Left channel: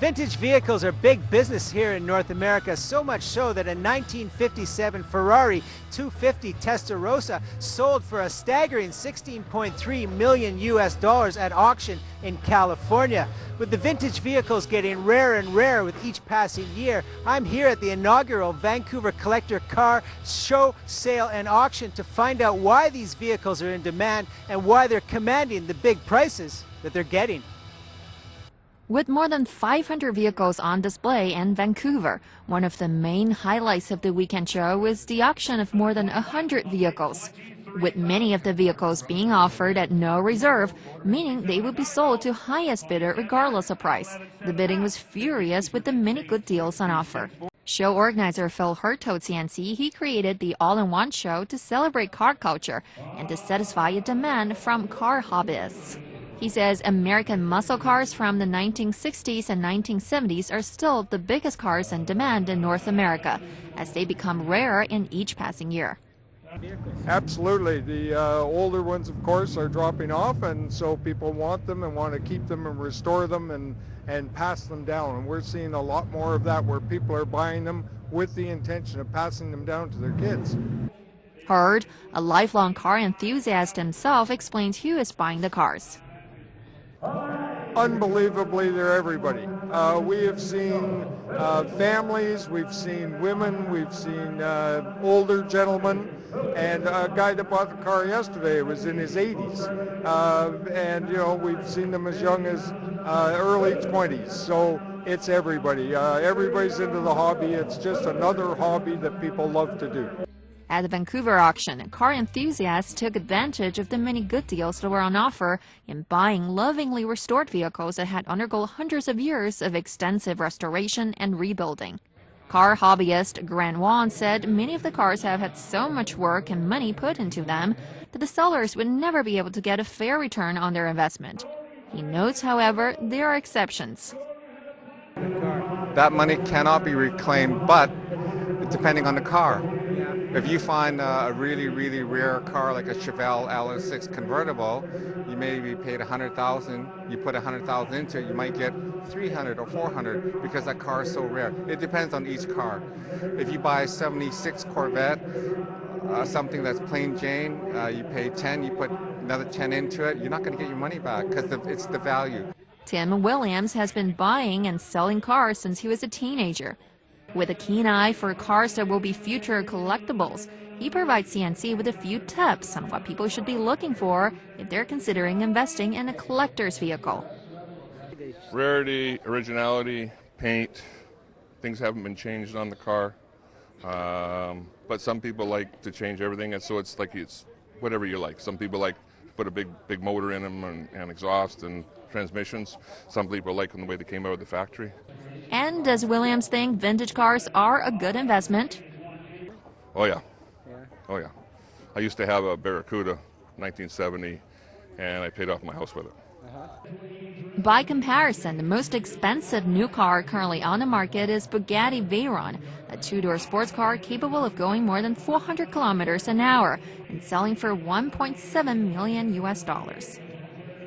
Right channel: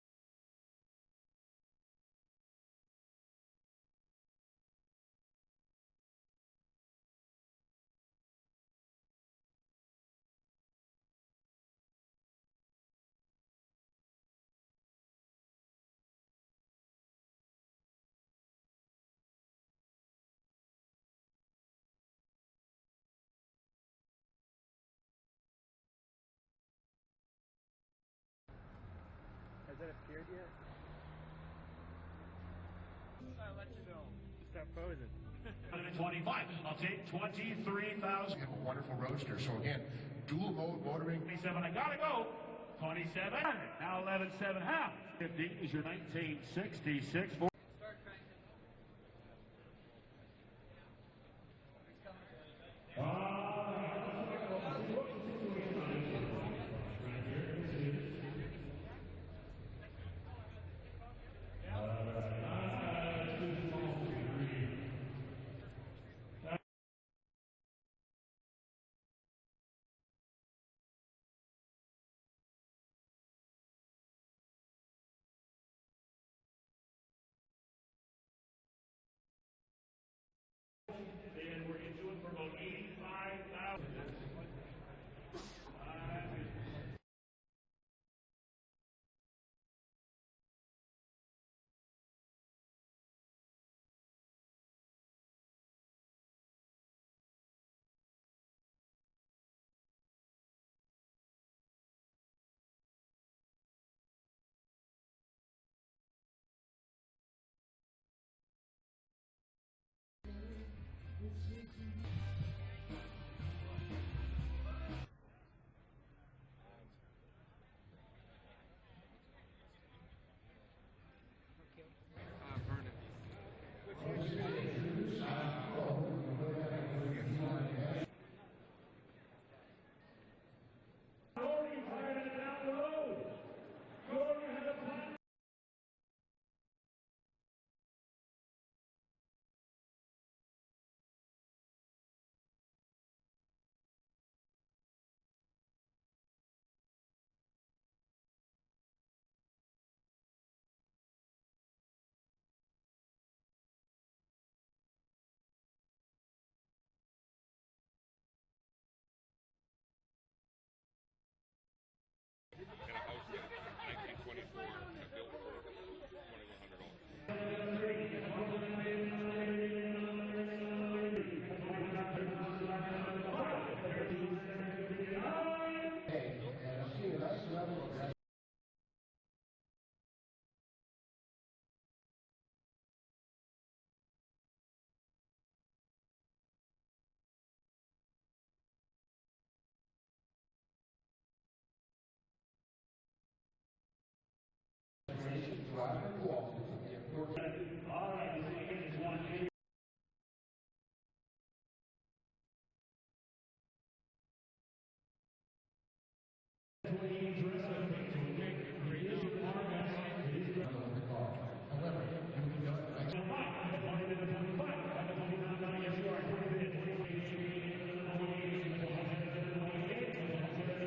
Vintage vehicles are big business here in North America, so much so that a 1957 Ferrari 250 Testarossa sold for a staggering $16.3 million at auction in California. With the vintage vehicles getting rarer and rarer with each passing year, I'm here at the inaugural Vancouver Collector Car Show, Sale and Auction to find out why these vehicles are in demand and why they're commanding the big prices that they're getting. With more than 500 vehicles on display in Vancouver, one of the main highlights of the weekend show was the auction of more than 100 vehicles, with many of the vehicles being offered at no reserve, meaning they would be sold to highest bidder regardless of price. The bidding was furious with the many good deals on offer. Show organizer Phil Hurt told CNC he created the all-in-one show to celebrate car culture and to satisfy a demand from car hobbyists. He says American muscle cars from the 1960s and 1970s are still the biggest cars in demand in North America, as they become rarer in each passing year. Absolutely. The older ones, of course, are dropping off, and so people want them and want to keep them and restore them and pass them down. And we're seeing a lot more of that where people are buying them with the intention of passing them down to their kids. Hurd, a lifelong car enthusiast himself, explains who is buying the cars. Unbelievably, they're everybody. We have seen families, we've seen women, we've seen older gentlemen, and a guy that bought the car yesterday was in his 80s. And, you know, we've seen them as young as early 20s. So it's everybody. Everybody's into the hobby. It's just another hobby that people love to do. At the Vancouver auction, car enthusiasts took advantage of the many good deals that were on offer in buying lovingly restored vehicles that had undergone hundreds of years of extensive restoration and rebuilding. Car hobbyist Grant Wan said many of the cars have had so much work and money put into them that the sellers would never be able to get a fair return on their investment. He notes, however, there are exceptions. That money cannot be reclaimed, but depending on the car. If you find a really, really rare car like a Chevelle LS6 convertible, you maybe paid $100,000. You put $100,000 into it, you might get $300 or $400 because that car is so rare. It depends on each car. If you buy a '76 Corvette, something that's plain Jane, you pay 10, you put another 10 into it, you're not going to get your money back because it's the value. Tim Williams has been buying and selling cars since he was a teenager. With a keen eye for cars that will be future collectibles, he provides CNC with a few tips on what people should be looking for if they're considering investing in a collector's vehicle. Rarity, originality, paint, things haven't been changed on the car. But some people like to change everything, and so it's whatever you like. Some people like to put a big motor in them and exhaust and transmissions. Some people like them the way they came out of the factory. And does Williams think vintage cars are a good investment? Oh yeah. Oh yeah. I used to have a Barracuda 1970 and I paid off my house with it. By comparison, the most expensive new car currently on the market is Bugatti Veyron, a two-door sports car capable of going more than 400 kilometers an hour and selling for $1.7 million.